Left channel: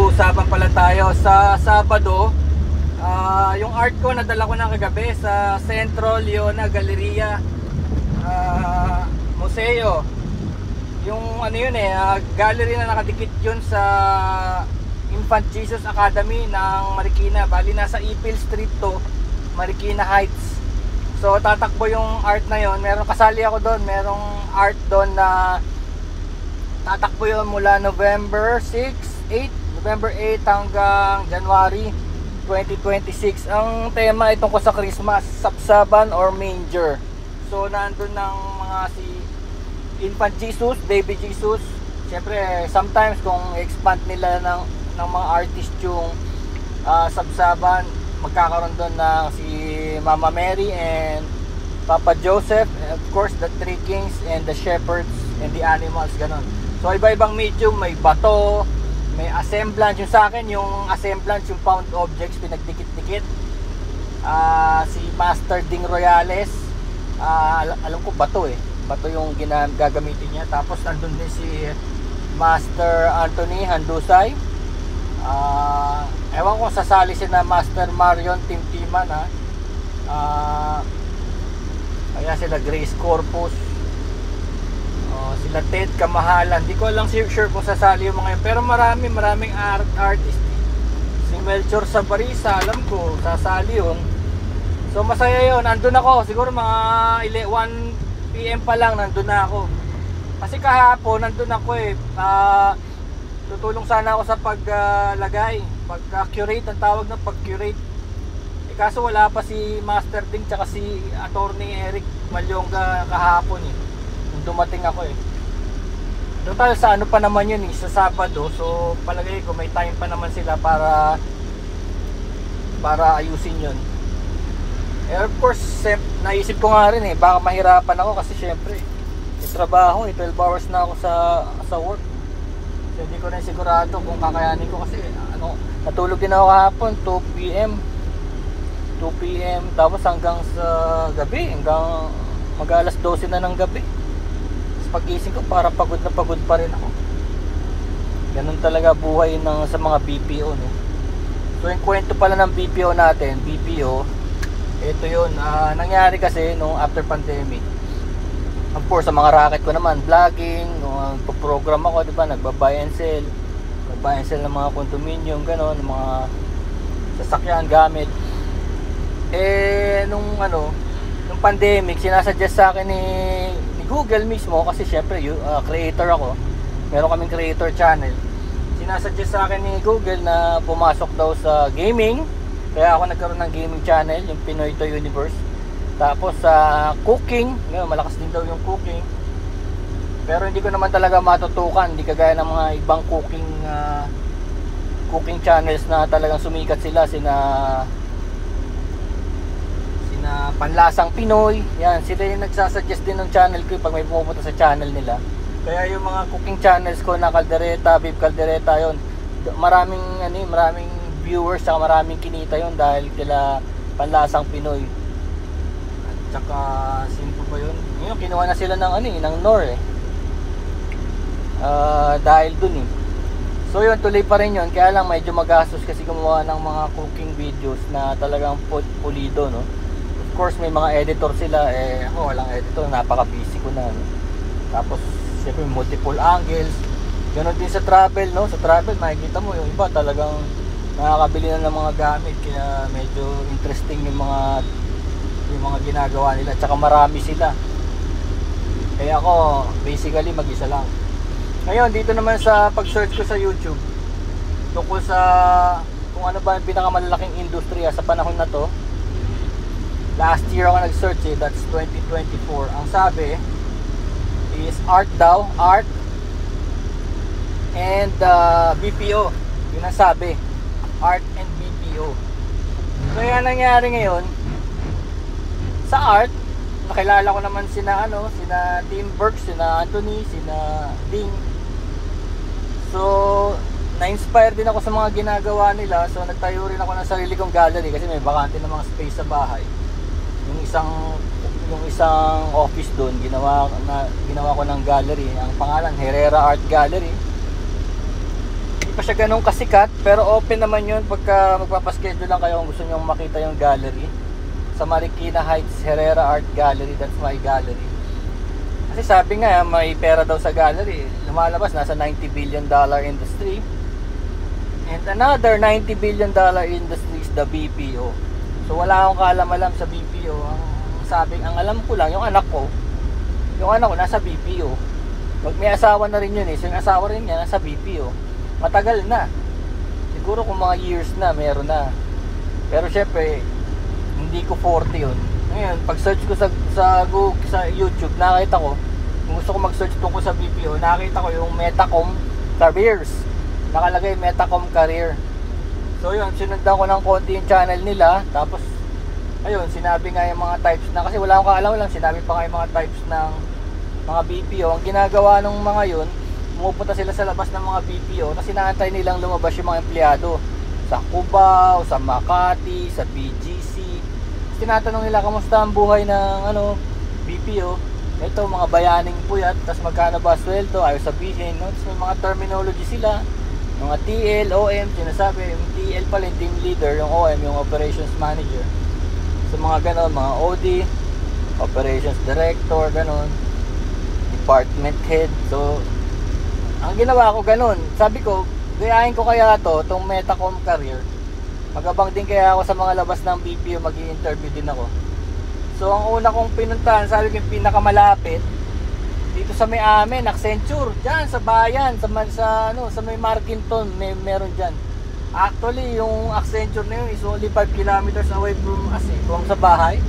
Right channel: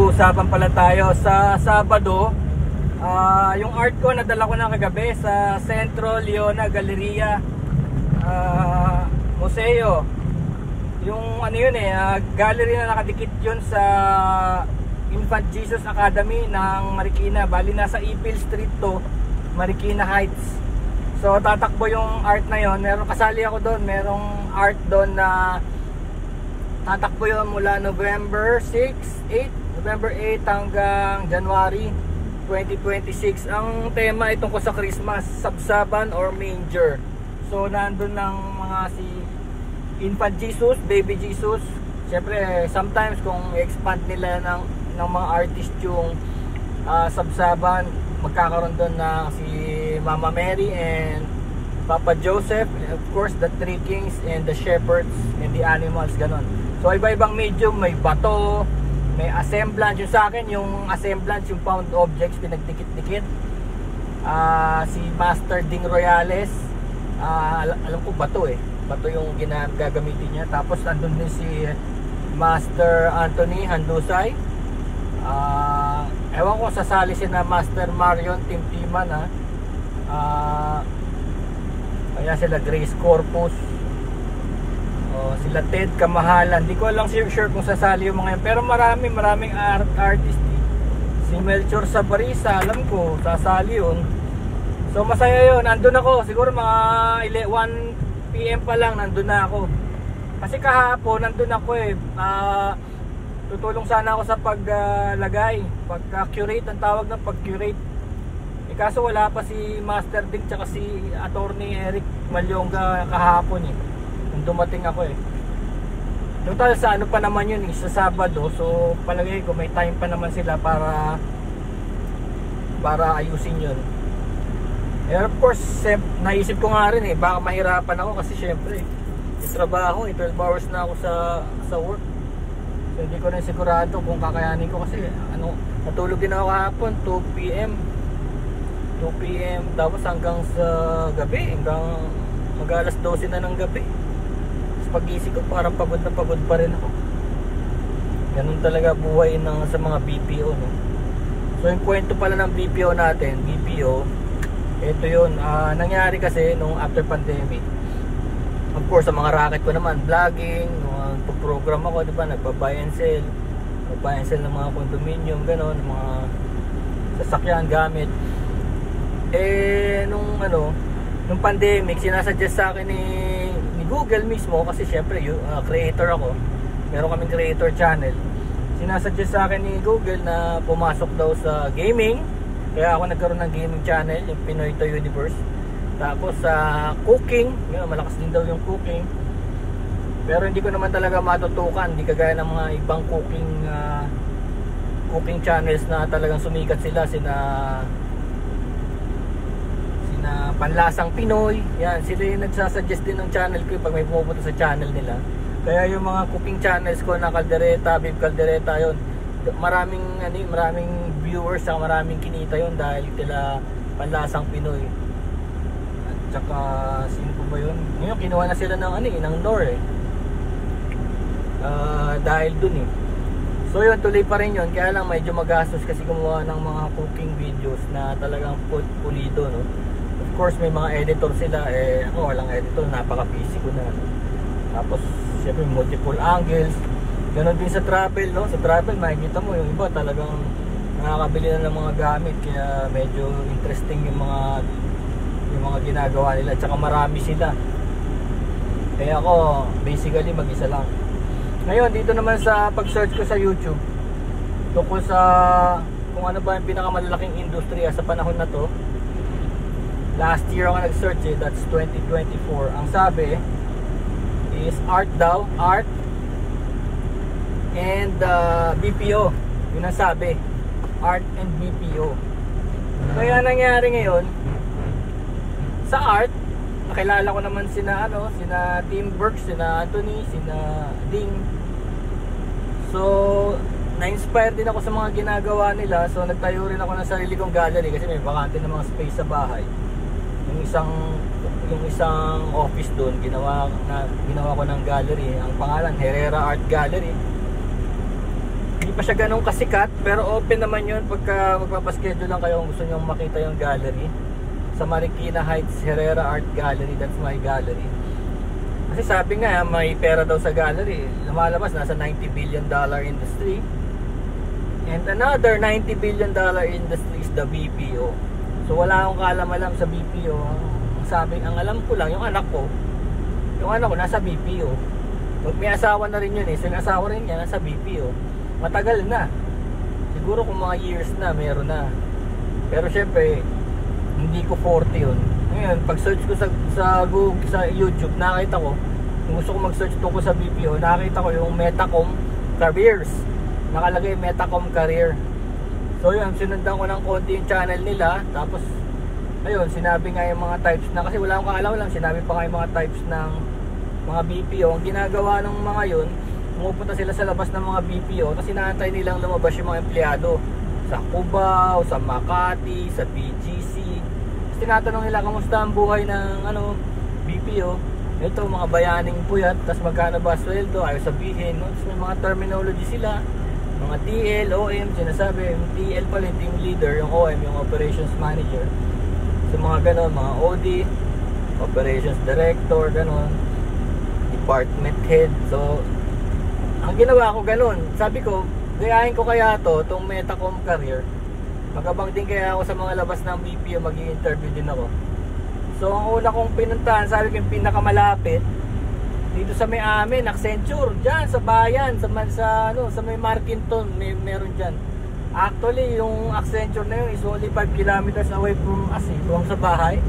Pag-uusapan pala tayo sa Sabado. Yung art ko nadala ko na kagabi sa Centro Leona Galleria Museo. Yung ano yun gallery na nakadikit yun sa Infant Jesus Academy ng Marikina. Bali nasa Ipil Street to, Marikina Heights. So tatakbo yung art na yun. Meron kasali ako doon, merong art doon na tatakbo yun mula November 8 hanggang January 2026. Ang tema itong ko sa Christmas, Sabsaban or Manger. So nandun ng mga si Infant Jesus, Baby Jesus. Siyempre sometimes kung expand nila ng mga artist yung Sabsaban, magkakaroon doon na si Mama Mary and Papa Joseph, and of course the three kings and the shepherds and the animals, ganun. So iba-ibang medium, may bato, may assemblance. Yung sa akin, yung assemblance, yung found objects, pinagdikit-dikit. Si Master Ding Royales, alam ko bato bato yung gagamitin niya. Tapos nandun din si Master Anthony Handusay. Ewan ko sasali si na Master Marion Timtiman kaya sila Grace Corpus, sila Ted Kamahalan. Hindi ko lang sure kung sasali yung mga yun, pero maraming artist. Si Melchor Sabarisa, alam ko sasali yun. So masaya yun. Nandun ako siguro mga 1 PM pa lang, nandun na ako. Kasi kahapon nandun ako tutulong sana ako sa paglagay, pag-curate, ang tawag na pag-curate. Kaso wala pa si Master Ding tsaka si Attorney Eric Malyonga kahapon nung dumating ako Doon tayo sa ano pa naman yun sa Sabado. So palagay ko may time pa naman sila para ayusin yun. And of course naisip ko nga rin baka mahirapan ako kasi syempre sa trabaho 12 hours na ako sa work. So hindi ko rin sigurado kung kakayanin ko kasi natulog din ako kahapon 2 PM tapos hanggang sa gabi, hanggang mag-alas 12 na ng gabi. Tapos pagising ko parang pagod na pagod pa rin ako. Ganun talaga buhay sa mga BPO So yung kwento pala ng BPO natin, ito yun, nangyari kasi nung after pandemic. Of course sa mga racket ko naman, vlogging, nung program ako, diba, nagba-buy and sell ng mga condominium, ganun, mga sasakyan, gamit. Nung pandemic, sinasuggest sa akin ni Google mismo, kasi syempre creator ako, meron kaming creator channel. Sinasuggest sa akin ni Google na pumasok daw sa gaming, kaya ako nagkaroon ng gaming channel, yung Pinoy to Universe. Tapos sa cooking, malakas din daw yung cooking, pero hindi ko naman talaga matutukan, hindi kagaya ng mga ibang cooking channels na talagang sumikat sila, sina Panlasang Pinoy. Yan, sila yung nagsasuggest din ng channel ko pag may pumupunta sa channel nila. Kaya yung mga cooking channels ko na Caldereta, Babe Caldereta, yun, maraming viewers, saka maraming kinita yun dahil kila Panlasang Pinoy. At saka sino po ba yun? Ngayon kinuha na sila ng Nor dahil dun So yun, tuloy pa rin yun. Kaya lang medyo magastos kasi gumawa ng mga cooking videos na talagang pulido, Of course may mga editor sila, ako walang editor, napaka-busy ko na. Tapos syempre multiple angles. Ganun din sa travel, Sa travel makikita mo yung iba talagang nakakabili na ng mga gamit, kaya medyo interesting yung mga ginagawa nila, tsaka marami sila. Kaya ako basically mag-isa lang. Ngayon dito naman sa pag-search ko sa YouTube tungkol sa kung ano ba yung pinakamalalaking industriya sa panahon na to. Last year ako nag-search that's 2024. Ang sabi is art and BPO. Yun ang sabi, art and BPO. Kaya nangyari ngayon sa art, nakilala ko naman sina Tim Burke, sina Anthony, sina Ding. So na-inspire din ako sa mga ginagawa nila. So nagtayo rin ako ng sarili kong gallery kasi may bakante ng mga space sa bahay. Yung isang office doon, ginawa ko ng gallery. Ang pangalan, Herrera Art Gallery. Hindi pa siya ganun kasikat, pero open naman yun pagka magpapaschedule lang kayo kung gusto nyo makita yung gallery. Sa Marikina Heights Herrera Art Gallery, that's my gallery. Kasi sabi nga, may pera daw sa gallery. Lumalabas, nasa $90 billion industry. And another $90 billion industry is the BPO. So wala akong kaalam-alam sa BPO. Ang alam ko lang, yung anak ko nasa BPO. May asawa na rin yun eh. So yung asawa rin niya nasa BPO. Matagal na. Siguro kung mga years na, meron na. Pero syempre, hindi ko 40 yun. Ngayon, pag search ko sa Google, sa YouTube, nakita ko, kung gusto ko mag-search tungkol sa BPO, nakita ko yung Metacom Careers. Nakalagay Metacom Career. So yun, sinundan ko ng konti yung channel nila. Tapos, ayun, sinabi nga yung mga types na, kasi wala akong kaalam lang, sinabi pa nga yung mga types ng mga BPO. Ang ginagawa ng mga yun, pumupunta sila sa labas ng mga BPO kasi inaantay nilang lumabas yung mga empleyado sa Cubao, sa Makati, sa PGC. Tinatanong nila kamusta ang buhay ng BPO. Ito mga bayaning puyat, tapos magkano ba sweldo, ayaw sabihin. Tapos may mga terminology sila, mga TL, OM, sinasabi yung TL pala yung team leader, yung OM yung operations manager. So mga ganon, mga OD, operations director, ganon, department head. So ang ginawa ko ganun, sabi ko, gayahin ko kaya itong Metacom Career. Magabang din kaya ako sa mga labas ng BPO, mag-i-interview din ako. So ang una kong pinuntahan, sabi ko yung pinakamalapit dito sa may amin, Accenture, diyan sa bayan, sa may Markinton, meron diyan. Actually, yung Accenture na yun is only 5 kilometers away from sa bahay.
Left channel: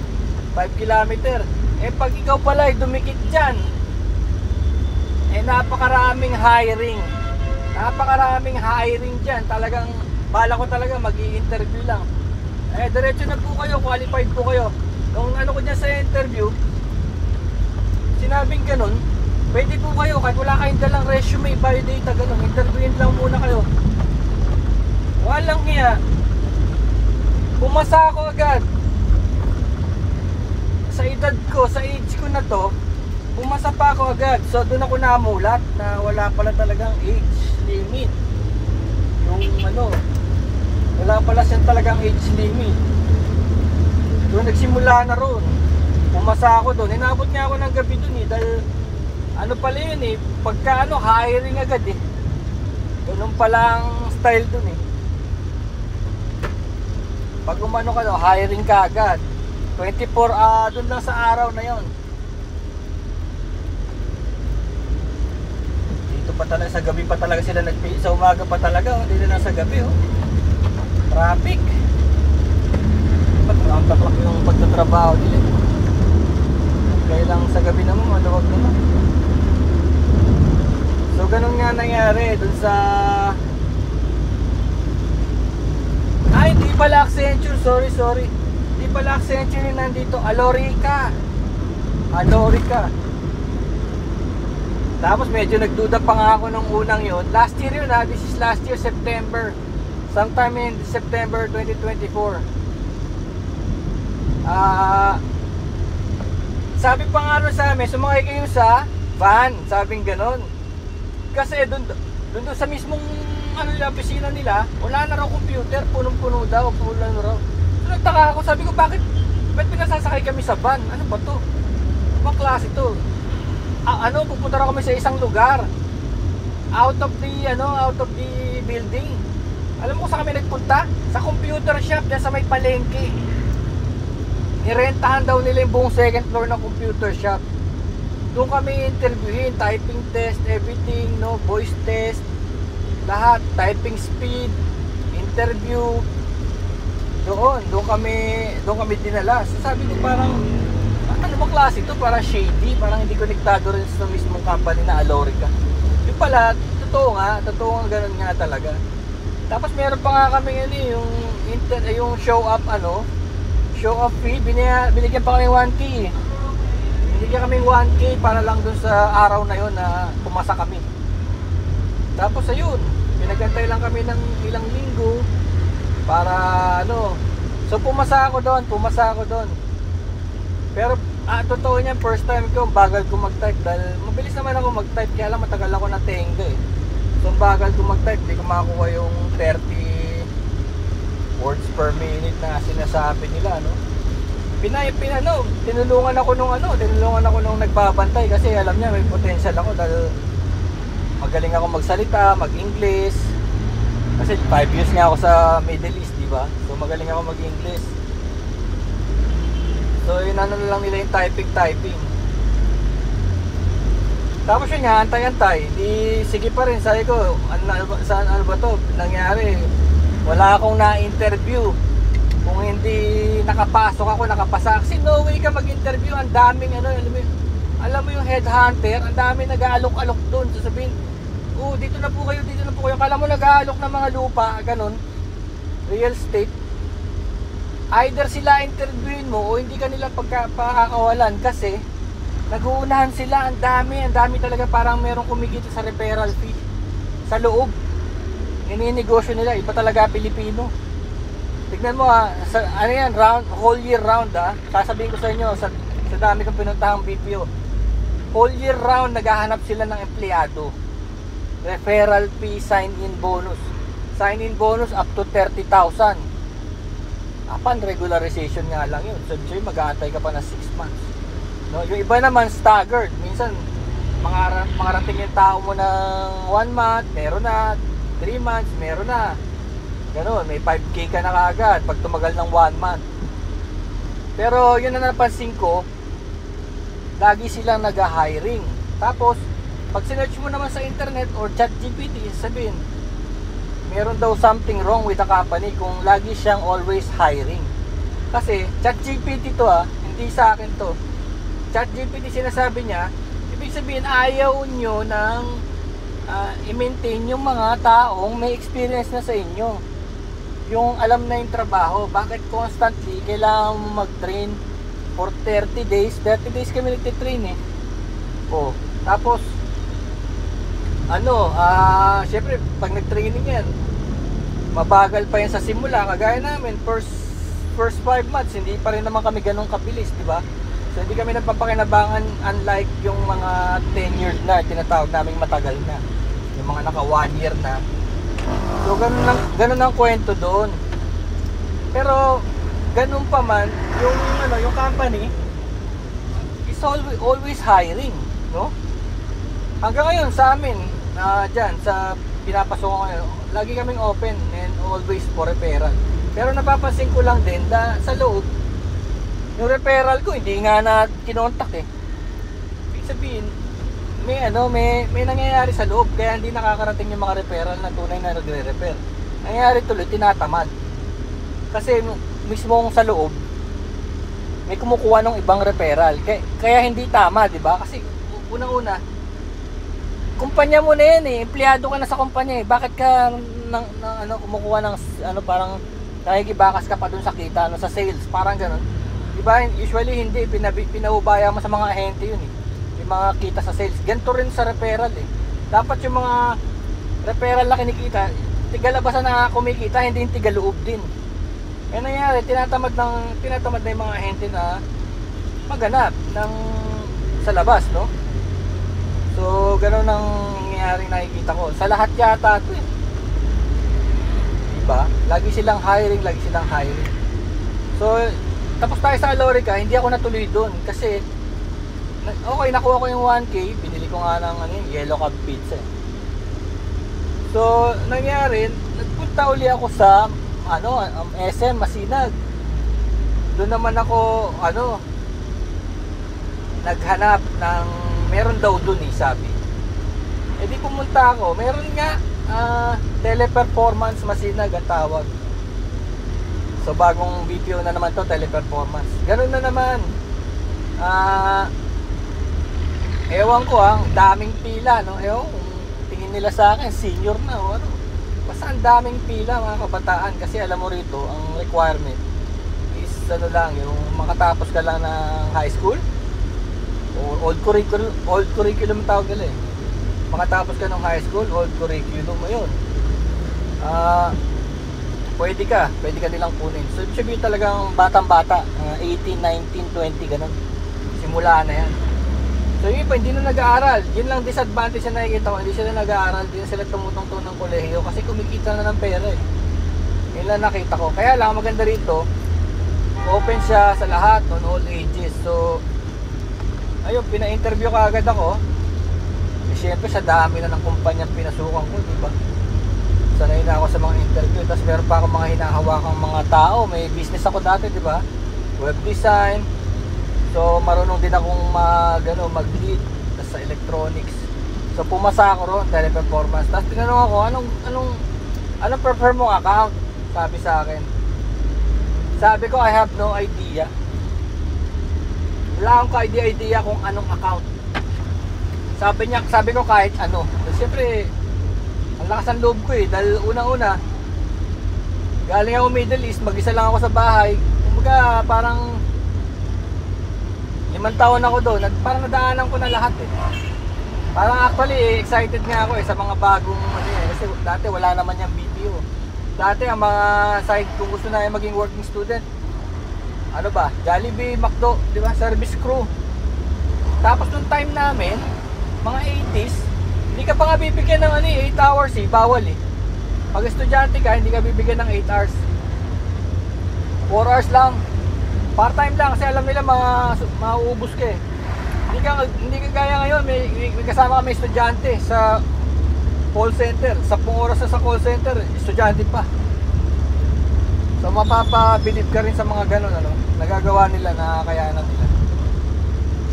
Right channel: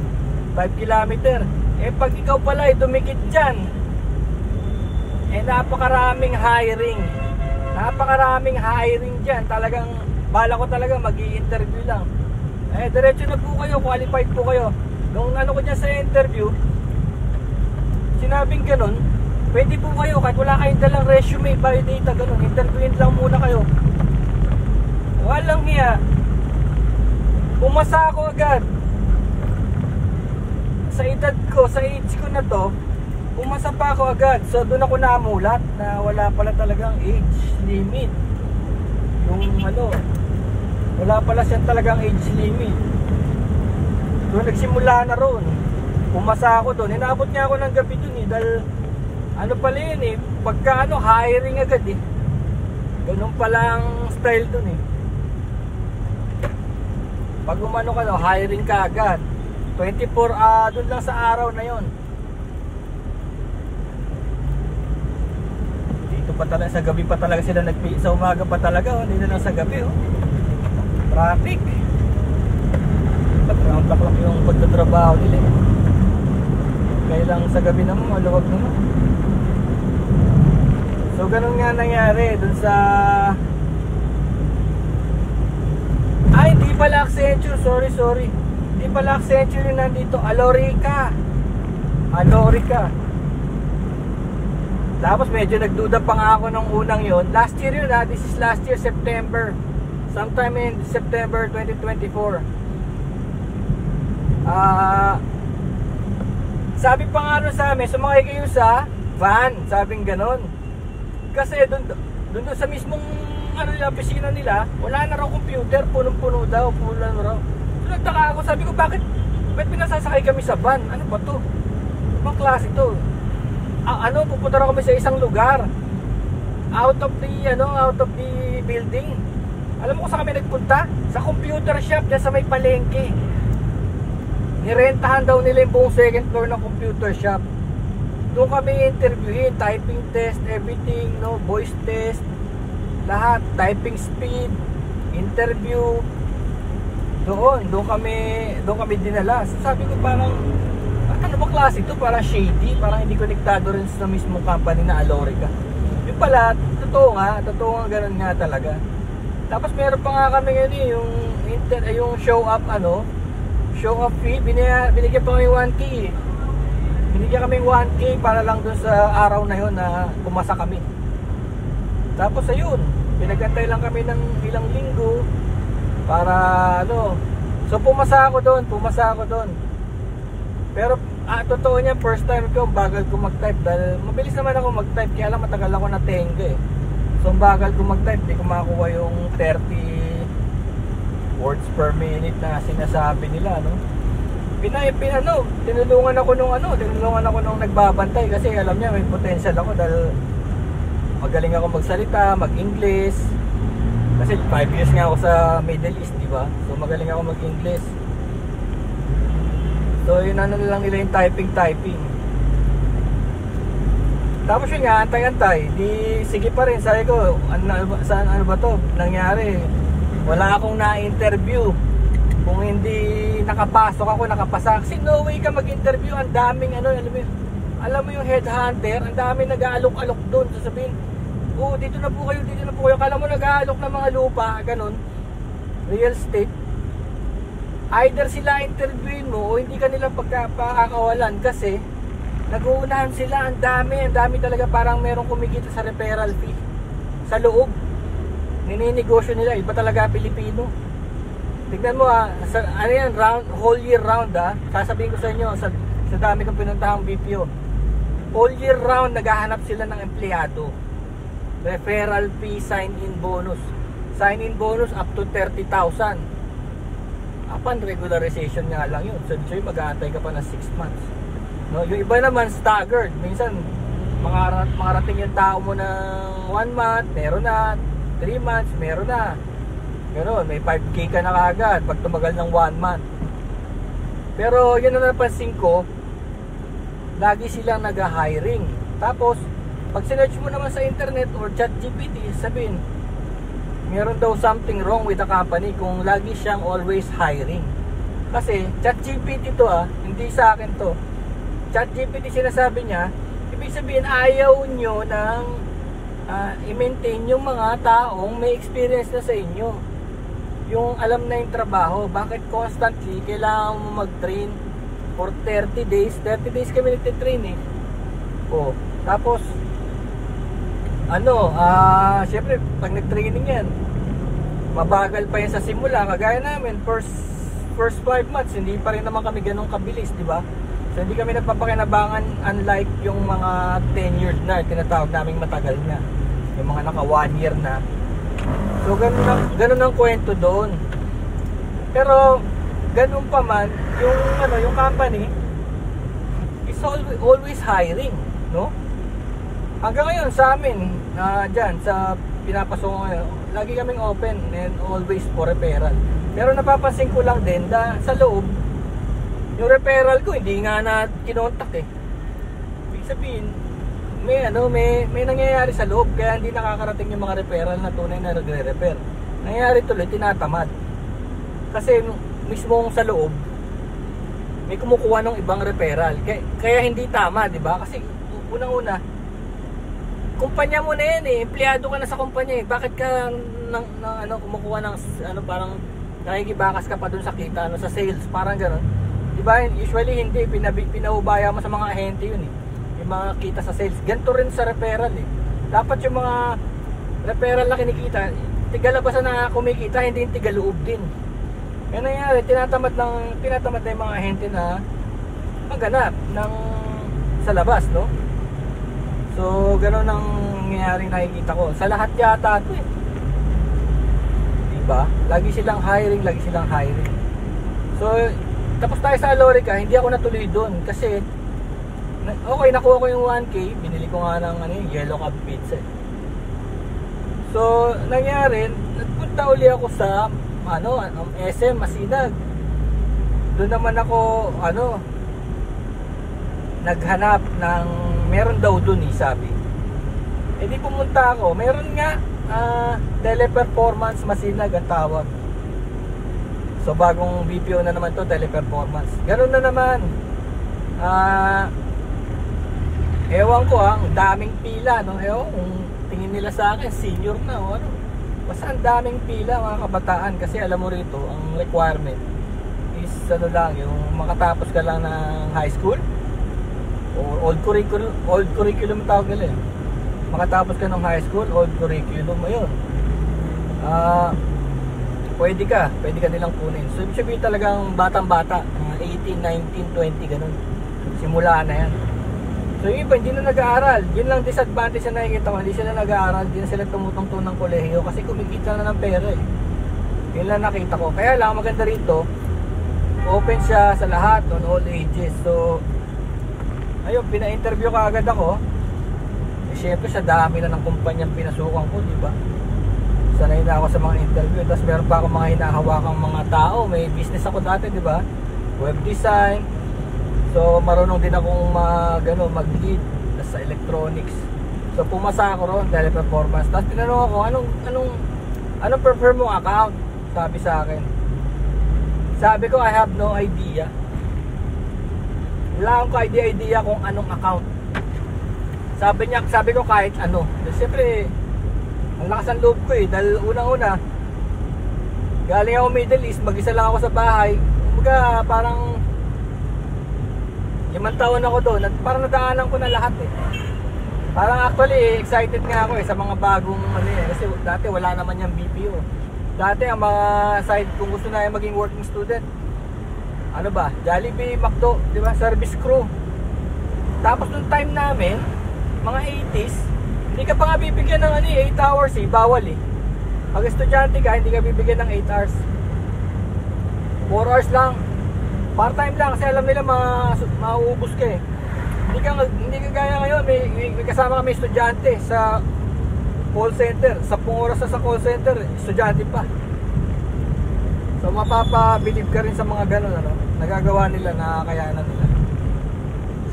5 kilometer. Eh pag ikaw pala ay dumikit diyan, napakaraming hiring dyan. Talagang bala ko talaga mag-i-interview lang. Diretso na po kayo, qualified po kayo. Kung ko dyan sa interview, sinabing ganun, pwede po kayo kahit wala kayong dalang resume, biodata, ganun, interviewin lang muna kayo. Walang hiya, pumasa ako agad. Sa edad ko, sa age ko na to, pumasa pa ako agad. So doon ako namulat na wala pala talagang age limit. Wala pala siyang talagang age limit. Doon nagsimula na roon. Pumasa ako doon. Inabot nga ako ng gabi doon dahil pala yun eh, pagka hiring agad eh. Ganun palang style doon eh. Pag ka, hiring ka agad. 24 doon lang sa araw na yon. Sa gabi pa talaga sila sa umaga pa talaga, dito na sa gabi traffic. Pagkakaklak yung pagtatrabaho nila. Kaya lang sa gabi naman maluwag naman. So ganun nga nangyari dun sa hindi pala Accenture, sorry hindi pala Accenture yung nandito, Alorica. Tapos medyo nagduda pa nga ako nung unang yon. Last year yun this is last year September. Sometime in September 2024. Sabi pa nga sa amin, sumakay kayo sa van, sabing ganon. Kasi dun sa mismong opisina nila, wala na raw computer, punong-puno daw, pula na raw. So nagtaka ako, sabi ko ba't pinasasakay kami sa van? Ano ba to? Ibang klase to. Pupunta na kami sa isang lugar out of the building. Alam mo kung saan kami nagpunta? Sa computer shop na sa may palengke. Nirentahan daw nila yung buong second floor ng computer shop. Doon kami interviewin, typing test, everything, voice test, lahat, typing speed, interview. Doon kami dinala. So sabi ko parang ano ba klase ito? Parang shady, parang hindi konektado rin sa mismong company na Alorica. Yung pala, totoo nga ganun nga talaga. Tapos meron pa nga kami yung show up fee, binigyan pa kami 1K. Binigyan kami 1K para lang dun sa araw na yun na pumasa kami. Tapos ayun, pinagantay lang kami ng ilang linggo para so pumasa ako doon. Pero totoo niya, first time ko, bagal ko mag-type dahil mabilis naman ako mag-type, kaya lang matagal ako na tengge. So bagal ko mag-type, di ko makuha yung 30 words per minute na sinasabi nila, no? Tinulungan ako nung nagbabantay kasi alam niya may potential ako dahil magaling ako magsalita, mag-English. Kasi 5 years nga ako sa Middle East, di ba? So magaling ako mag-English. So inano na lang nila yung typing. Tapos yun nga, antay-antay. Di sige pa rin, sabi ko, ano ba to nangyari? Wala akong na-interview. Kung hindi nakapasok ako, nakapasa. Kasi no way ka mag-interview. Ang daming alam mo yung headhunter, ang daming nag-aalok-alok doon. Sasabihin, dito na po kayo. Kala mo nag-aalok ng mga lupa, ganun, real estate. Either sila interviewin mo o hindi ka nila pagkakawalan kasi nag-uunahan sila. Ang dami talaga, parang merong kumikita sa referral fee sa loob. Nininegosyo nila, iba talaga Pilipino. Tignan mo whole year round sasabihin ko sa inyo, sa dami kong pinuntahang BPO, whole year round naghahanap sila ng empleyado. Referral fee, sign-in bonus up to 30,000. Upon regularization nga lang yun. So mag-aantay ka pa ng 6 months. No, yung iba naman staggered. Minsan makarating yung tao mo ng 1 month, meron na 3 months, meron na. Ganon, may 5K ka na kaagad pag tumagal ng 1 month. Pero yun na napansin ko, lagi silang nag-hiring. Tapos, pag sinearch mo naman sa internet or ChatGPT, sabihin, meron daw something wrong with the company kung lagi siyang always hiring. Kasi, ChatGPT to hindi sa akin to. ChatGPT sinasabi niya, ibig sabihin ayaw nyo ng i-maintain yung mga taong may experience na sa inyo. Yung alam na yung trabaho. Bakit constantly kailangan mo mag-train for 30 days? 30 days kami nagtitrain tapos syempre pag nag-training yan, mabagal pa yan sa simula. Kagaya namin, first 5 months hindi pa rin naman kami ganun kabilis, di ba? So hindi kami nagpapakinabangan, unlike yung mga tenured na tinatawag naming matagal na, yung mga naka 1 year na. So ganun ang kwento doon. Pero ganun pa man, yung company is always hiring, no? Hanggang ngayon sa amin, dyan sa pinapasok ko ngayon, lagi kaming open and always for referral. Pero napapansin ko lang din na sa loob, yung referral ko hindi nga na kinontak Ibig sabihin, may nangyayari sa loob kaya hindi nakakarating yung mga referral na tunay na nagre-refer. Nangyayari tuloy, tinatamad. Kasi mismo sa loob, may kumukuha ng ibang referral. Kaya hindi tama, di ba? Kasi unang-una, kumpanya mo na yan empleyado ka na sa kumpanya Bakit ka kumukuha ng parang nakikibakas ka pa dun sa kita, sa sales, parang gano'n. Di ba? Usually hindi, pinaubaya mo sa mga ahente yun yung mga kita sa sales. Ganito rin sa referral Dapat yung mga referral na kinikita, tigalabasan na kumikita, hindi yung tigaloob din. Kaya nangyari, tinatamad na yung mga ahente na maghanap sa labas, no? So, gano'n ang nangyaring nakikita ko. Sa lahat yata ito diba? Lagi silang hiring. So, tapos tayo sa Alorica, hindi ako natuloy doon kasi okay, nakuha ko yung 1K, binili ko nga ng yellow cab pizza. So, nangyari, nagpunta uli ako sa SM Masinag. Doon naman ako naghanap ng meron daw doon sabi. Di pumunta ako. Meron nga Teleperformance Masinag ang tawag. So bagong BPO na naman to, Teleperformance. Ganoon na naman. Ewan ko ang daming pila, no? Ewan kung tingin nila sa akin senior na basta ang daming pila mga kabataan kasi alam mo rito ang requirement is yung makatapos ka lang ng high school o old curriculum tawag nila makatapos ka ng high school, old curriculum ayun. Pwede ka nilang kunin. So sabihin talagang batang-bata, 18, 19, 20 ganun. Simula na yan. So yung iba, hindi na nag-aaral. Yun lang disadvantage na nakikita ko. Hindi sila nag-aaral, hindi na sila tumutungtong ng kolehiyo kasi kumikita na ng pera eh. Yun lang nakita ko. Kaya lang, maganda rito, open siya sa lahat, on all ages. So, ayun, pina-interview ka agad ako. Eh, syempre, sa dami na ng kumpanyang pinasukan ko, di ba? Sanay na ako sa mga interview. Tapos meron pa ako mga hinahawakang mga tao. May business ako dati, di ba? Web design. So marunong din akong mag-lead sa electronics. So pumasa ako ron, teleperformance. Tapos tinanong ako, anong prefer mong account? Sabi sa akin. Sabi ko, I have no idea. Wala akong idea kung anong account. Sabi ko kahit ano. Siyempre, ang lakas ng loob ko eh. Dahil unang-una, galing ako Middle East, mag-isa lang ako sa bahay. Kumbaga, parang 5 taon ako doon at parang nadaanan ko na lahat eh. Parang actually excited nga ako eh sa mga bagong kasi dati wala naman yung BPO. Dati ang mga side kung gusto na maging working student, ano ba, Jollibee, McDo, di ba, service crew. Tapos nung time namin, mga 80s, hindi ka pa nga bibigyan ng 8 hours eh, bawal eh. Pag estudyante ka, hindi ka bibigyan ng 8 hours. 4 hours lang. Part-time lang kasi alam nila mauubos ka eh. Hindi ka gaya ngayon, may kasama kami estudyante sa call center. 10 oras na sa call center, estudyante pa. So mapapabilib ka rin sa mga ganun, ano? Nagagawa nila, nakakayanan nila.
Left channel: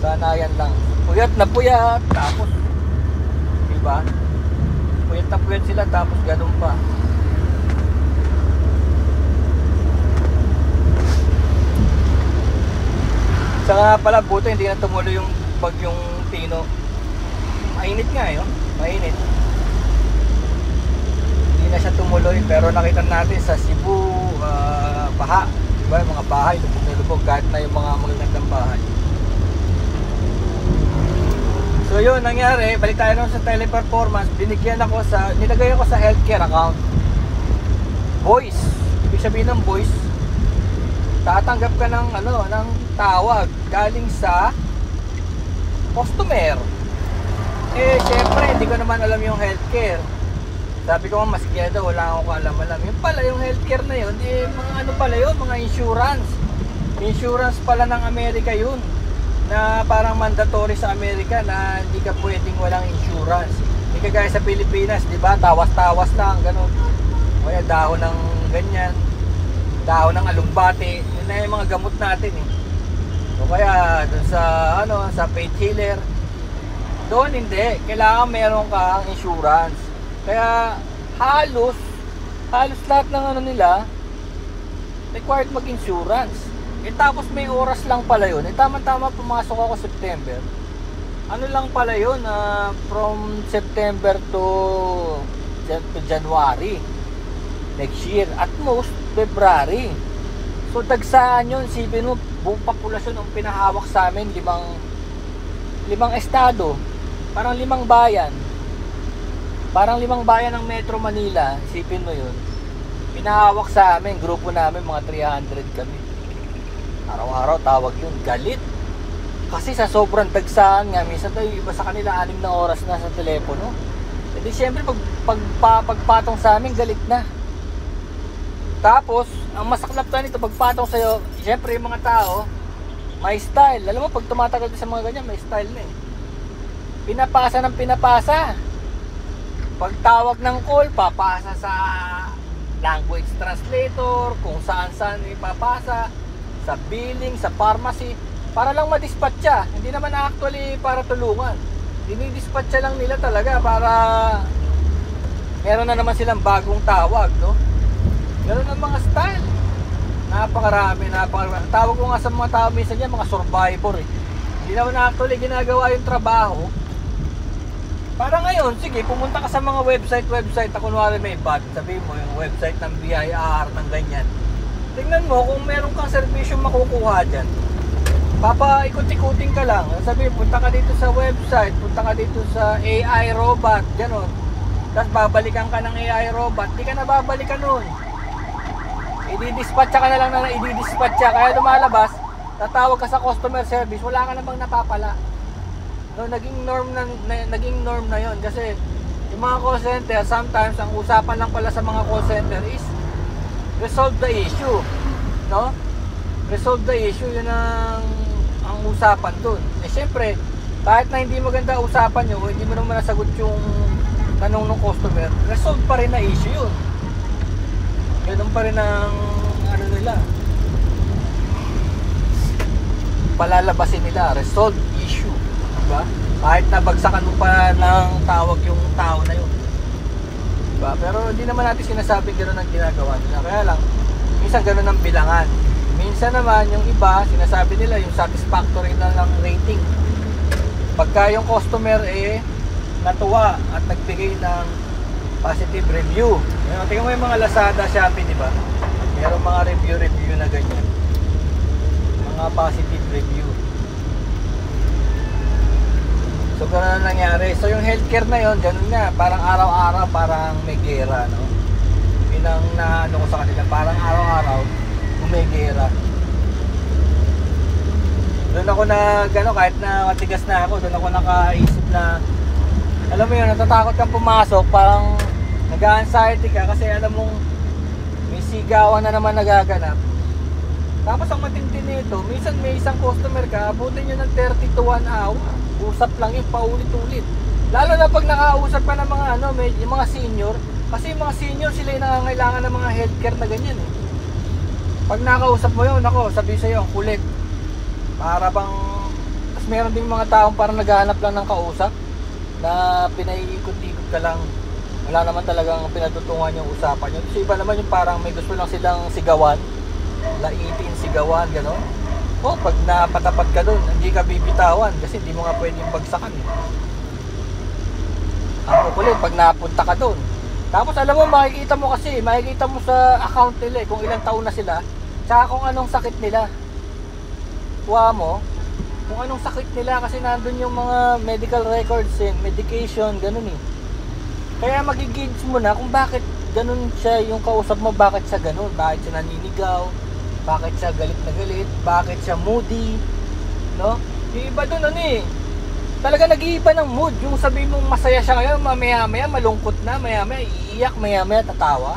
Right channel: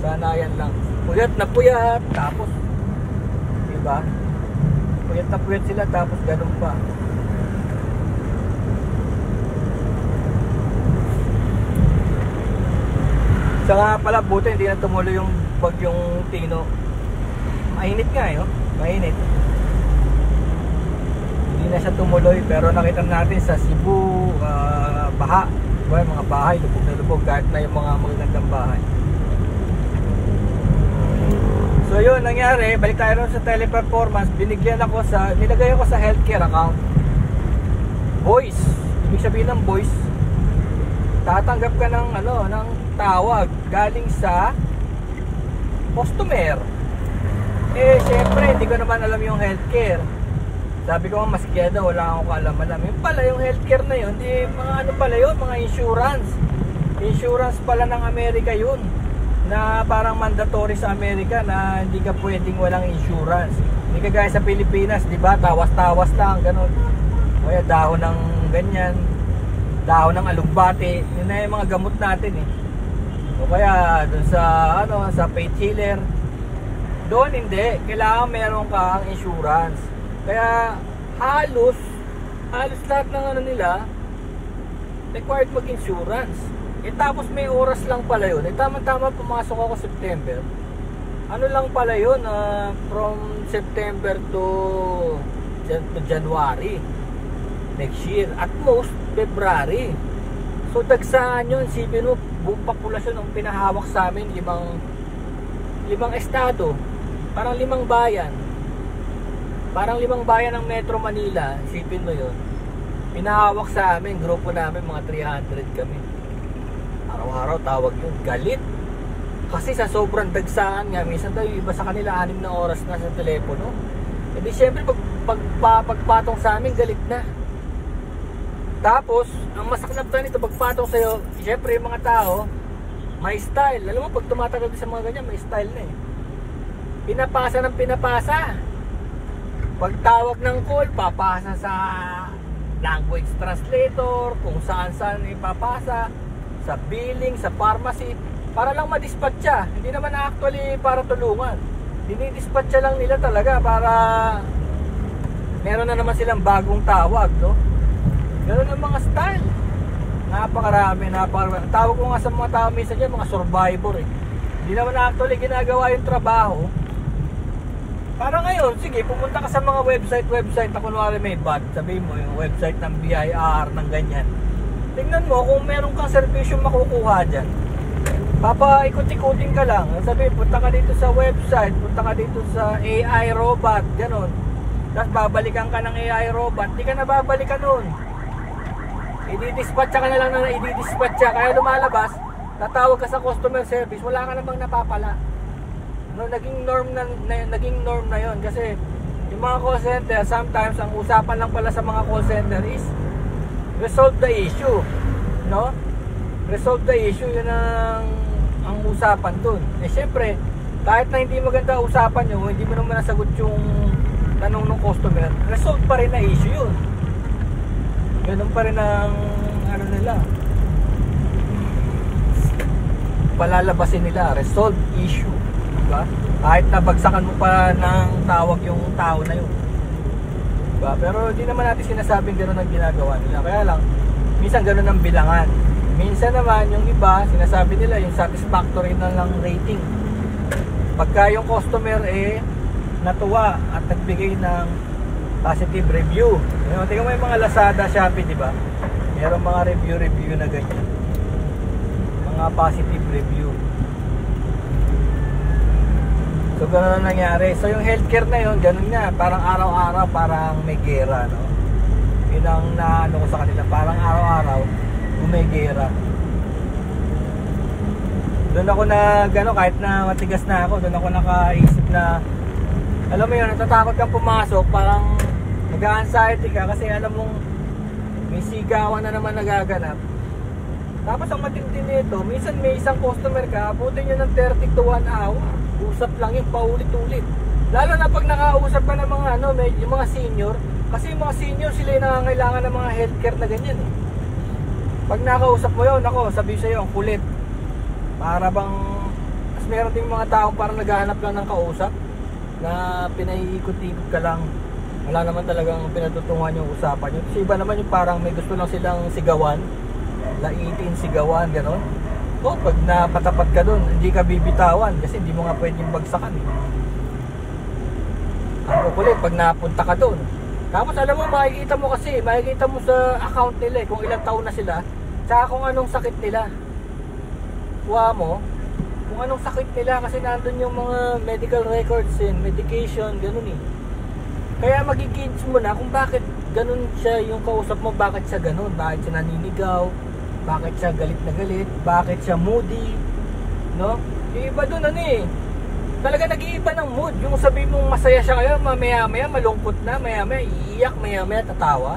Sana yan lang. Puyat na puyat, tapos diba? Puyat na puyat sila, tapos ganun pa. Saka pala buti hindi na tumuloy yung bagyong Tino. Mainit nga eh, no? Mainit. Hindi na siya tumuloy pero nakita natin sa Cebu, baha. Diba? Mga bahay, lubog na lubog kahit na yung mga magandang bahay. So yun, nangyari, balik tayo sa teleperformance. Nilagay ako sa healthcare account. Voice. Ibig sabihin ng voice, tatanggap ka ng tawag galing sa customer. Eh syempre hindi ko naman alam yung healthcare. Sabi ko nga maskiyado, wala akong kaalam-alam. Yung pala yung healthcare na yun, mga pala yun, mga insurance. Insurance pala ng Amerika yun, na parang mandatory sa Amerika na hindi ka pwedeng walang insurance. Hindi ka gaya sa Pilipinas, di ba? Tawas-tawas lang, ganun. Kaya dahon ng ganyan, dahon ng alugbate, yun na yung mga gamot natin eh. O kaya dun sa sa paid healer, doon hindi, kailangan meron kang insurance. Kaya halos lahat ng nila required mag-insurance. Eh tapos may oras lang pala yun. Eh tama-tama pumasok ako September. Ano lang pala yun, from September to January next year, at most February. So tagsaan yun, isipin mo, buong populasyon ang pinahawak sa amin, limang estado, parang 5 bayan, ng Metro Manila. Isipin mo yun, pinahawak sa amin, grupo namin mga 300 kami. Araw-araw tawag yun, galit kasi sa sobrang dagsaan nga, minsan daw yung iba sa kanila 6 na oras na sa telepono. Hindi, siyempre pagpatong sa amin, galit na. Tapos, ang masaklap tayo nito, pagpatong sa'yo, syempre yung mga tao, may style. Alam mo, pag tumatagal sa mga ganyan, may style na eh. Pinapasa ng pinapasa. Pagtawag ng call, papasa sa language translator, kung saan-saan ipapasa, sa billing, sa pharmacy, para lang madispatcha. Hindi naman actually para tulungan. Dinidispatcha lang nila talaga para meron na naman silang bagong tawag, no? Ganun ang mga style. Napakarami. Tawag ko nga sa mga tao minsan yan, mga survivor eh. Hindi naman actually ginagawa yung trabaho. Para ngayon, sige, pumunta ka sa mga website na kunwari may bag, sabihin mo yung website ng BIR, ng ganyan. Tingnan mo kung meron kang servisyo makukuha dyan. Papaikot-ikutin ka lang. Sabihin, punta ka dito sa website, punta ka dito sa AI robot, gano'n. Tapos babalikan ka ng AI robot, di ka na babalikan nun. Ididispatcha ka na lang na ididispatcha. Kaya lumalabas, tatawag ka sa customer service, wala ka namang napapala. No, naging norm na 'yon kasi yung mga call center sometimes ang usapan lang pala sa mga call center is resolve the issue, no? Resolve the issue, yun ang usapan dun. Eh syempre, kahit na hindi maganda usapan nyo, hindi mo naman nasagot yung tanong ng customer, resolve pa rin na issue yun. Ganun pa rin ang ano nila, palalabasin nila, resolve issue, diba? Kahit nabagsakan mo pa ng tawag yung tao na yun, diba? Pero hindi naman natin sinasabing gano'n ang ginagawa nila. Kaya lang, minsan gano'n ang bilangan. Minsan naman yung iba, sinasabi nila yung satisfactory na lang rating. Pagka yung customer natuwa at nagbigay ng positive review. Tingnan mo yung mga Lazada, Shopee, di ba? Mayroong mga review na ganyan. Yung mga positive review. So gano'n ang nangyari. So yung healthcare na yun, ganun nga. Parang araw-araw, parang may gera, no? Yun ang naano ko sa kanila. Parang araw-araw, may gera. Doon ako kahit na matigas na ako, doon ako nakaisip na, alam mo yun, natatakot kang pumasok, parang nag-anxiety ka kasi alam mong may sigawan na naman nagaganap. Tapos ang matindi nito, minsan may isang customer ka, abutin nyo ng 30 to 1 hour, usap lang yun, paulit-ulit. Lalo na pag nakausap ka ng mga yung mga senior, kasi yung mga senior sila yung nangangailangan ng mga healthcare na ganyan eh. Pag nakausap mo yun, ako, sabihin sa'yo, ang kulit. Para bang, mas meron din mga taong parang naghahanap lang ng kausap na pinaiikot-ikot ka lang. Wala naman talagang pinatutungan yung usapan yun. So iba naman yung parang may gusto lang silang sigawan, laitin sigawan, gano'n. O, pag napatapat ka doon, hindi ka bibitawan kasi hindi mo nga pwedeng bagsakan eh. Ang kukulit, pag napunta ka doon. Tapos alam mo, makikita mo sa account nila kung ilang taon na sila, tsaka kung anong sakit nila. Kuha mo kung anong sakit nila kasi nandun yung mga medical records medication, ganun eh. Kaya magigauge mo na kung bakit ganun siya yung kausap mo, bakit siya ganun, bakit siya naninigaw, bakit siya galit na galit, bakit siya moody, no? Yung iba dun talaga nag-iiba ng mood. Yung sabihin mong masaya siya kaya maya-maya malungkot na, maya-maya iiyak, maya-maya tatawa,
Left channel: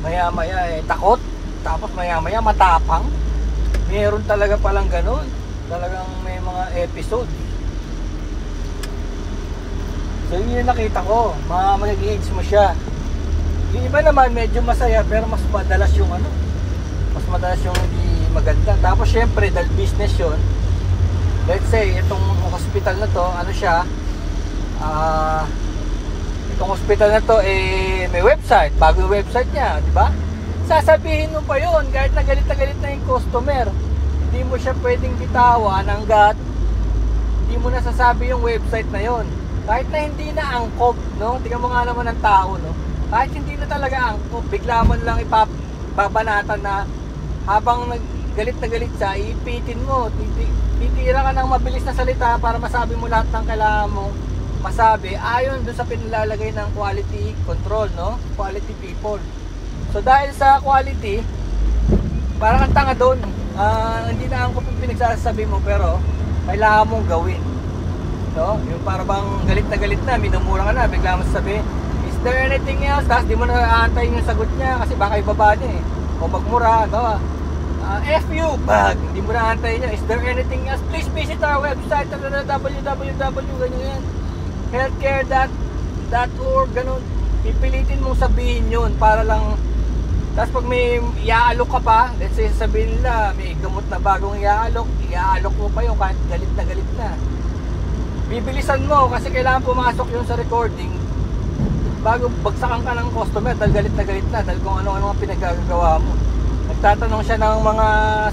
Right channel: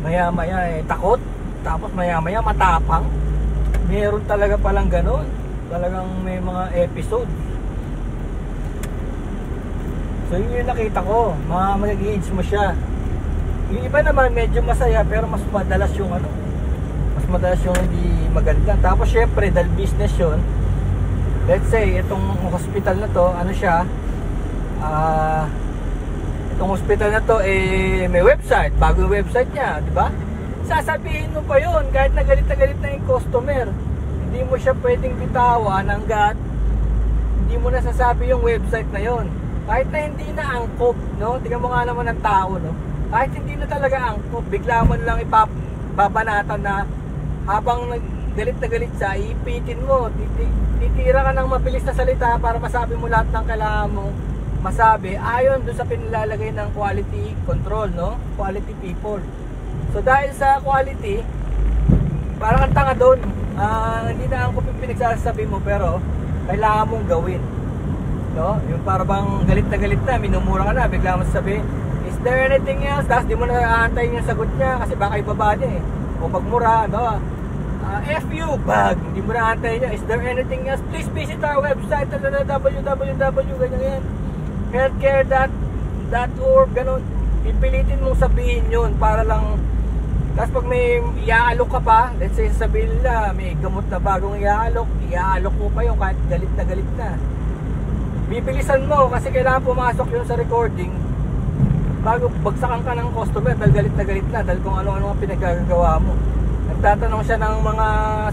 maya-maya takot, tapos maya-maya matapang. Meron talaga palang ganun. Talagang may mga episode. So yun yung nakita ko, mag-age mo siya. Yung iba naman medyo masaya pero mas madalas yung hindi maganda. Tapos syempre dahil business yun, let's say itong hospital na to, itong hospital na to may website, bagong website niya, di ba? Sasabihin mo pa yun kahit na galit na yung customer. Hindi mo siya pwedeng bitawan hanggat hindi mo nasasabi yung website na yun. Kahit na hindi na angkop, no? Tingnan mo nga naman ng tao, no? Kahit hindi na talaga angkop, bigla mo lang ipabanatan na habang galit na galit siya, ipitin mo, titira ka ng mabilis na salita para masabi mo lahat ng kailangan mong masabi ayon doon sa pinilalagay ng quality control, no? Quality people. So dahil sa quality, parang ang tanga doon, hindi na ang pinagsasabi mo pero kailangan mong gawin, no? Yung parang galit na, minumura ka na, bigla mo sasabihin, is there anything else? Tapos di mo na nakaantayin yung sagot niya kasi baka ibaba niya o magmura, no? F you, bag, hindi mo na antayin niya, is there anything else? Please visit our website, www, ganyan, healthcare.org, ganun. Ipilitin mong sabihin yun para lang. Tapos pag may iaalok ka pa, let's say sabihin nila may gamot na bagong iaalok mo pa yun kahit galit na. Bibilisan mo kasi kailangan pumasok yun sa recording bago bagsakan ka ng customer dahil galit na dahil kung ano-ano ang pinagagawa mo. Magtatanong siya ng mga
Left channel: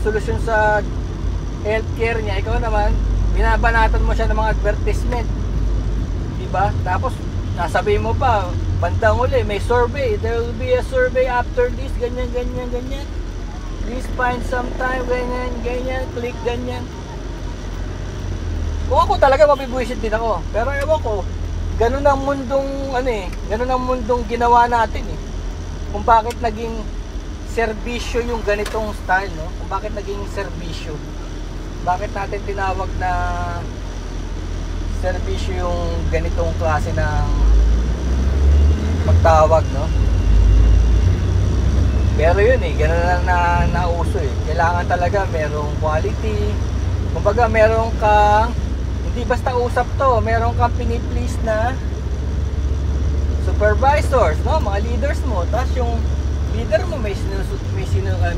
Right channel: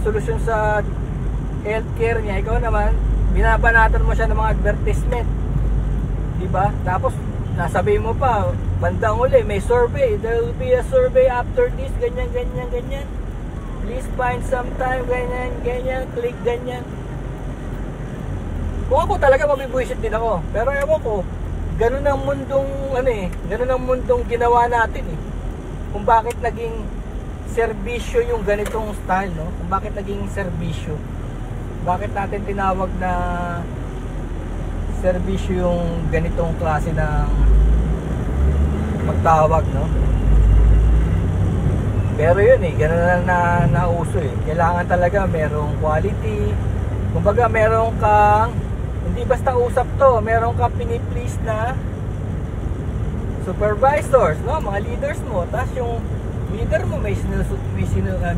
solusyon sa healthcare niya, ikaw naman binabanatan mo siya ng mga advertisement, diba? Tapos nasabihin mo pa, bandang uli, may survey. There will be a survey after this, ganyan. Please find some time, ganyan, click ganyan. Kung ako talaga mabibuisit din ako. Pero ewan ko, ganun ang mundong ginawa natin eh. Kung bakit naging serbisyo yung ganitong style, no? Kung bakit naging serbisyo. Bakit natin tinawag na serbisyo yung ganitong klase ng magtawag, no? Pero yun gano'n na nauso Kailangan talaga merong quality. Kumbaga meron kang, hindi basta usap to, meron kang pini-please na supervisors, no? Mga leaders mo. Tapos yung leader mo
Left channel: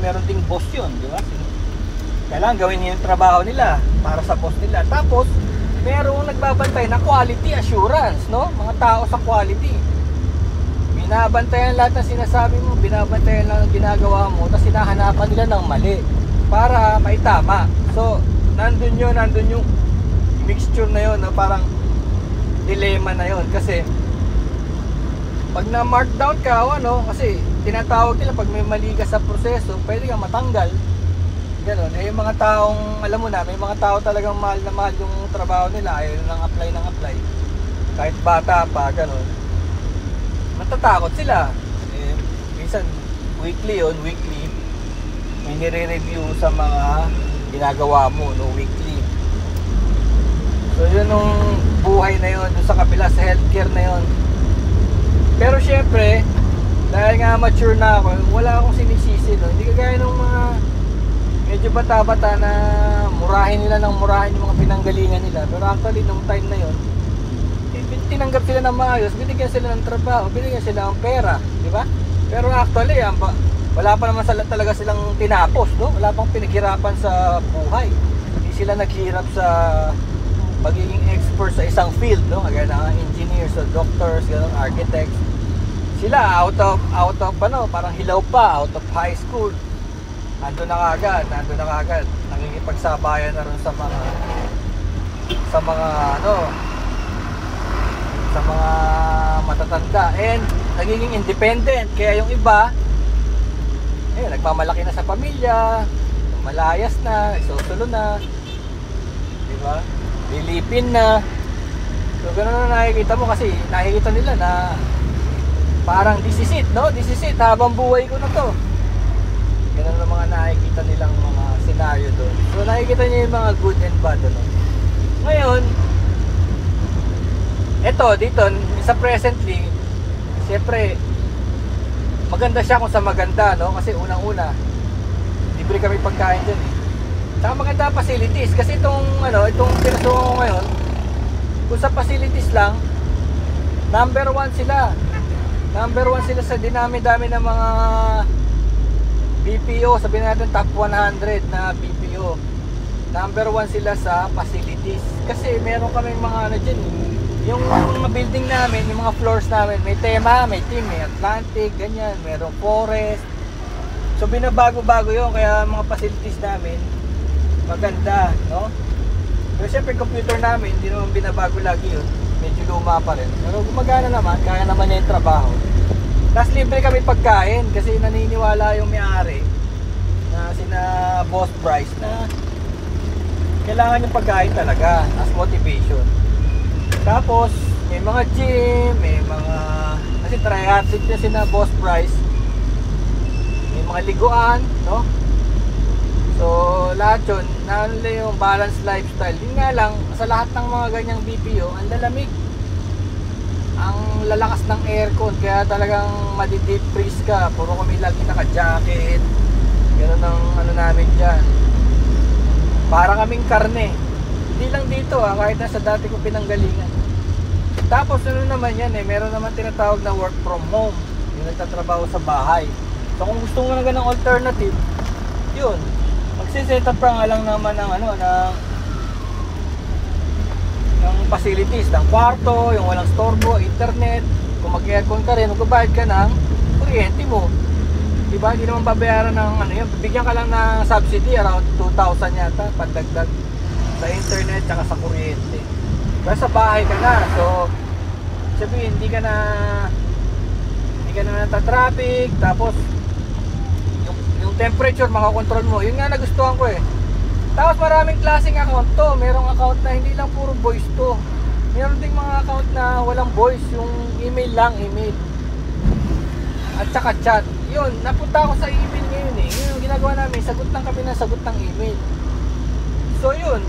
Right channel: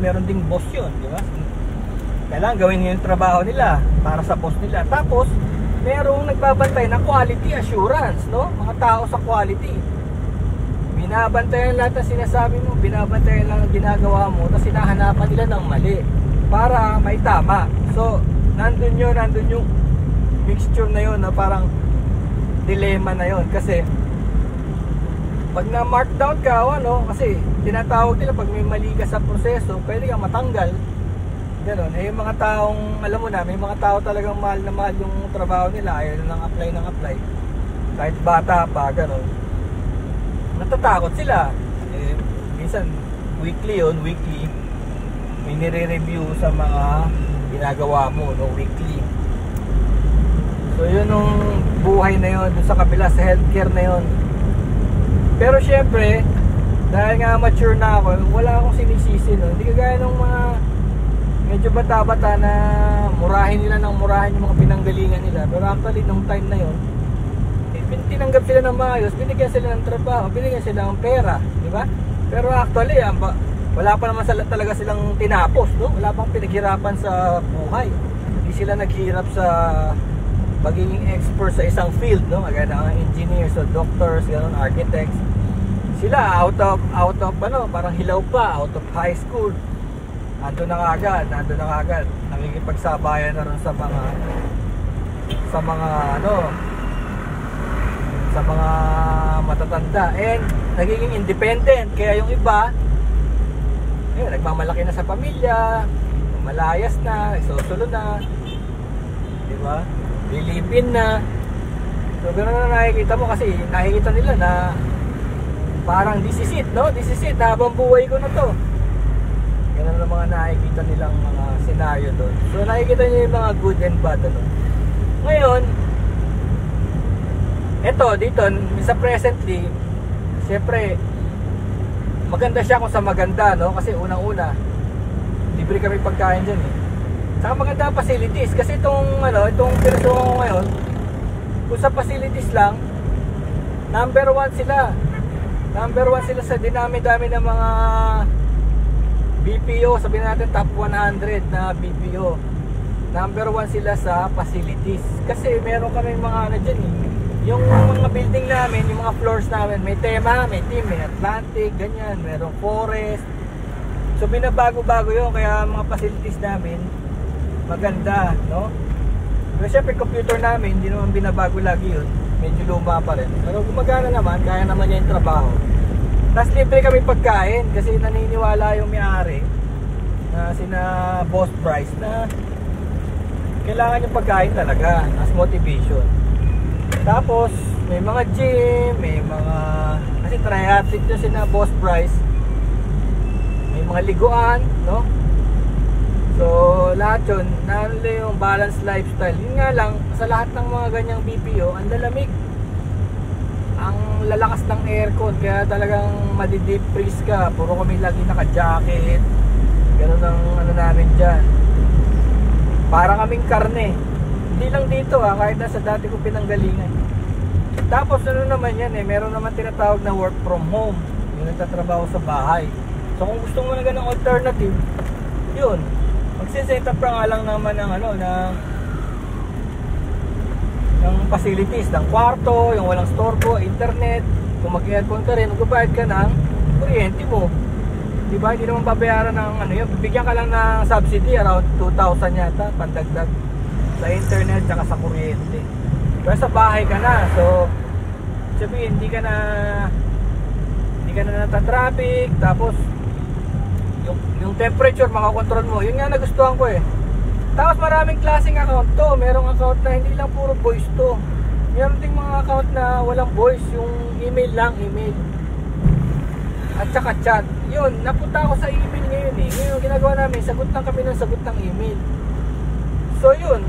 meron ding boss yun, di ba? Kailangan gawin yung trabaho nila para sa boss nila. Tapos merong nagbabantay na quality assurance, no? Mga tao sa quality. Binabantayan lahat ng sinasabi mo, binabantayan lang ang ginagawa mo, tapos hinahanapan nila ng mali para maitama. So, nandun yung mixture na yun, no? Parang dilemma na yun. Kasi pag na-markdown ka o ano, kasi tinatawag nila pag may mali ka sa proseso, pwede kang matanggal. Ganon. Yung mga taong, alam mo na, may mga tao talagang mahal na mahal yung trabaho nila, ayaw lang apply ng apply. Kahit bata pa, ganon. Matatakot sila. Minsan, weekly, may nire-review sa mga ginagawa mo, no, weekly. So, yun yung buhay na yun, dun sa kabila, sa healthcare na yun. Pero syempre, dahil nga mature na ako, wala akong sinisisi, no? Hindi kagaya ng mga medyo bata-bata na murahin nila ng murahin yung mga pinanggalingan nila. Pero actually, nung time na yun, tinanggap sila ng maayos, binigyan sila ng trabaho, binigyan sila ng pera, di ba? Pero actually, wala pa naman talaga silang tinapos, no? Wala pang pinaghirapan sa buhay. Hindi sila naghirap sa magiging expert sa isang field, no? Kagaya ng engineers, so doctors, gano'n, architects. Sila out of parang hilaw pa, out of high school. Nandun na kagad, nakikipagsabayan na rin sa mga matatanda, and nagiging independent. Kaya yung iba nagmamalaki na sa pamilya, malayas na, susulo na, di ba? Bilipin na. So gano'n na nakikita mo, kasi nakikita nila na parang this is it, habang buhay ko na to. Gano'n na mga nakikita nilang scenario doon. So nakikita niyo yung mga good and bad, ano? Ngayon, eto dito sa presently, siyempre maganda siya kung sa maganda, no? Kasi unang-una, libre kami pagkain dyan. Saka maganda ang facilities, kasi itong pinasukan ko ngayon, kung sa facilities lang, number one sila sa dinami-dami ng mga BPO, sabihin natin top 100 na BPO. Number one sila sa facilities, kasi meron kaming mga dyan, yung mga building namin, yung mga floors namin, may tema, may team, may Atlantic, ganyan, merong forest. So binabago-bago yun, kaya mga facilities namin maganda, no? Pero syempre computer namin, hindi naman binabago lagi yun, medyo luma pa rin, pero gumagana naman, kaya naman niya yung trabaho. Tapos libre kami pagkain, kasi naniniwala yung may-ari na sina Boss Bryce na kailangan yung pagkain talaga as motivation. Tapos may mga gym, kasi triathlete na sina Boss Bryce, may mga liguan, no? So lahat yun, nila yung balanced lifestyle. Yun nga lang, sa lahat ng mga ganyang BPO, ang lalamig, ang lalakas ng aircon, kaya talagang madi-deep freeze ka. Puro kami lagi naka-jacket, pero ng namin dyan, para kaming karne. Hindi lang dito kahit na sa dati ko pinanggalingan. Tapos naman yan meron naman tinatawag na work from home, yung nagtatrabaho sa bahay. So kung gusto mo ng ganang alternative, yun, magsiset up nga lang naman ng facilities, ng kwarto, yung walang storbo, internet. Kung mag-aircon ka rin, magbabayad ka ng kuryente mo, diba? Hindi naman babayaran ng yun, bigyan ka lang na subsidy around 2,000 yata pandagdag sa internet tsaka sa kuryente. Pero sa bahay ka na, so sabihin hindi ka na nata-traffic, tapos yung temperature makakontrol mo. Yun nga nagustuhan ko Tapos maraming klaseng account to. Merong account na hindi lang puro voice to, meron ding mga account na walang voice, yung email lang, email at saka chat. Yun, napunta ako sa email ngayon Yun yung ginagawa namin, sagot lang kami ng sagot ng email. So yun,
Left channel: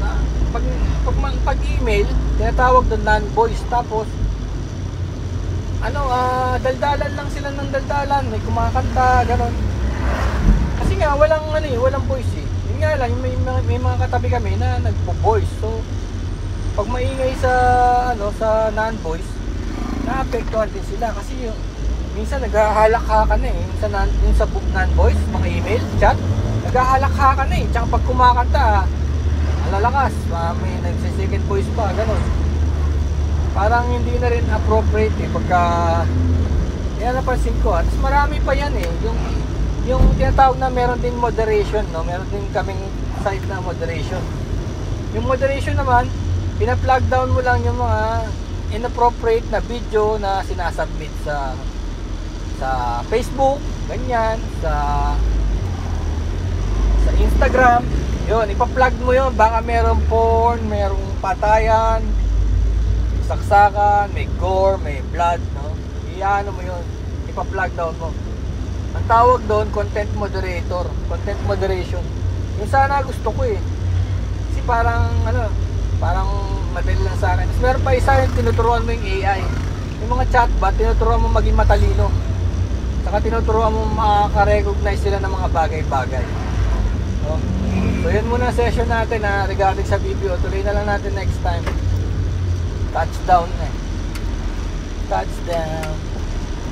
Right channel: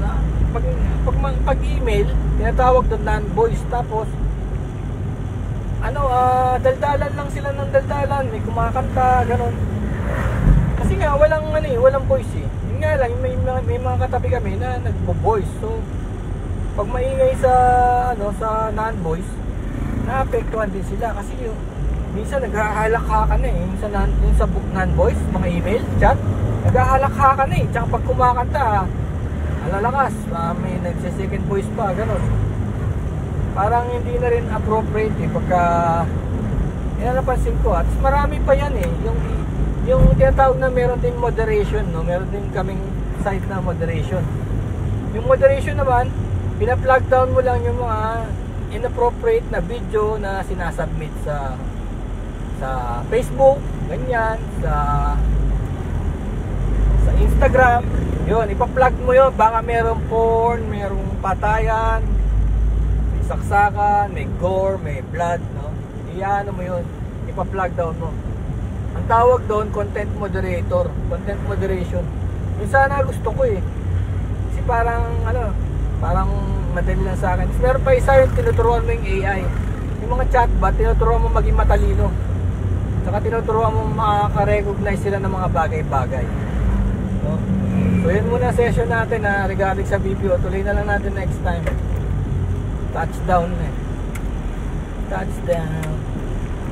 pag pag email, tinatawag doon non-voice. Tapos daldalan lang sila ng daldalan, may kumakanta, gano'n. Kasi nga walang voice eh. Yun nga lang, may mga katabi kami na nagpo-voice. So pag maingay sa non-voice, naapektuhan din sila kasi yung minsan naghahalakhakan na eh. Yung sa non-voice, mga email, chat, naghahalakhakan na eh. Tsaka pag kumakanta, malalakas, may nagsi-second voice pa, gano'n. Parang hindi na rin appropriate eh pagka yan napansin ko. At marami pa yan eh. Yung tinatawag na meron din moderation, no? Meron din kaming site na moderation. Yung moderation naman, pina-plug down mo lang yung mga inappropriate na video na sinasubmit sa Facebook, ganyan, sa Instagram. Yun, ipa-plug mo yun. Baka merong porn, merong patayan, saksakan, may gore, may blood, no? Iyaano mo yun, ipa-plug down mo. Ang tawag doon, content moderator, content moderation. Yung sana gusto ko eh. Kasi parang madali lang sa akin. Kasi meron pa isa yung tinuturuan mo yung AI. Yung mga chatbot, tinuturuan mo maging matalino. Saka tinuturuan mo makaka-recognize sila ng mga bagay-bagay. No? So yan muna ang session natin regarding sa BPO. Tuloy na lang natin next time. Touchdown na. Touchdown.